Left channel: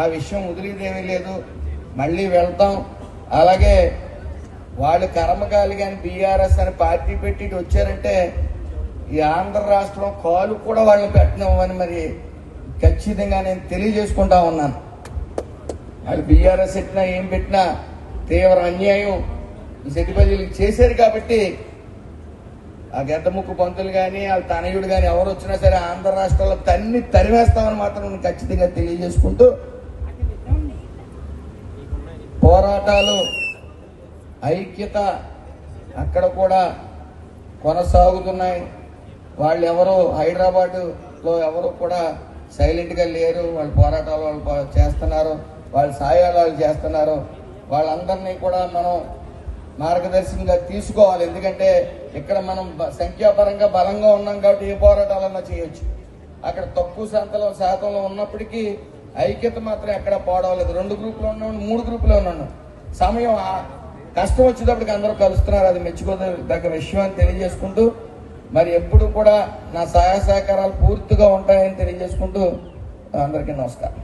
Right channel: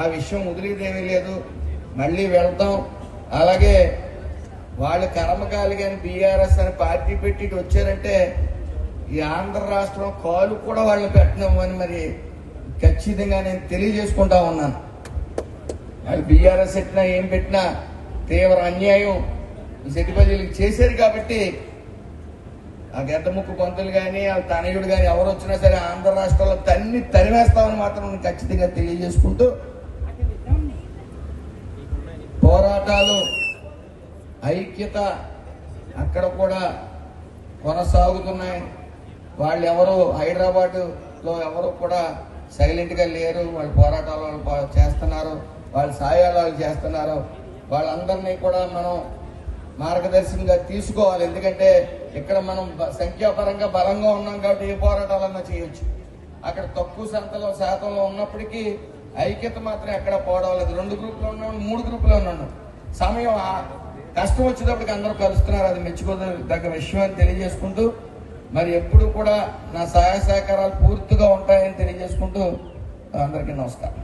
ఆ విషయం వదిలేదేమీ లేదు, మళ్ళీ వెళ్తాం. అలాగే వాళ్ళు కర్మకాలి కానీ బీఆర్ఎస్ అని పార్టీ పెట్టి వచ్చారంటే ఈ ఆంధ్ర రాష్ట్రం కాలు కూడా వాళ్ళు పెట్టినామని మరి ఖచ్చితంగా నేను తెలియజేసుకుంటా ఉన్నాను. వాళ్ళు బీఆర్ఎస్ పెట్టినా ఏం పెట్టినా తీవ్ర అన్యాయం ఈ సెట్టిపల్లికి చేశారు కాబట్టి ఆ గడ్డముక్కు పంతులు కానీ వాళ్ళ తనయుడు కానీ ఎవరు వచ్చినా సరే ఆంధ్ర రాష్ట్రంలో తరివేస్తామని మాత్రం నేను ఖచ్చితంగా తెలియజేసుకుంటూ పోరాటాలు ఐక్యత అక్కడ కూడా కొనసాగుతున్నాయి. వాళ్ళు ఎవరు హైదరాబాద్లో ఎవరు కూడా సైలెంట్గా లేరు. వాళ్ళ పోరాటాలు వాళ్ళు చేస్తున్నారు, వాళ్ళ సాయాలు వాళ్ళు చేస్తున్నారు. వాళ్ళందరినీ కూడా మనం మార్గదర్శకంగా తీసుకోవాలి. ఎందుకంటే ఇక్కడ మనం సంఖ్యాపరంగా బలంగా ఉన్నాం కాబట్టి ఏ పోరాటాలన్నా చేయొచ్చు. అక్కడ తక్కువ శాతంలో ఉన్నప్పటికీ ఐక్యత మాత్రం ఎక్కడ పోవడం లేదు. 2 గ్రూపులు ఉన్నాం, 3 గ్రూపులు ఉన్నాం. సమయం కష్టం వచ్చేటప్పటికి అందరూ కలుస్తున్నారు. అది మెచ్చుకోదగ్గ విషయం అని తెలియజేసుకుంటూ మరి ఎప్పుడు కూడా నా సహాయ సహకారాలు పూర్తిగా ఉంటాయని తెలియజేసుకుంటూ అందరికీ నమస్కారం.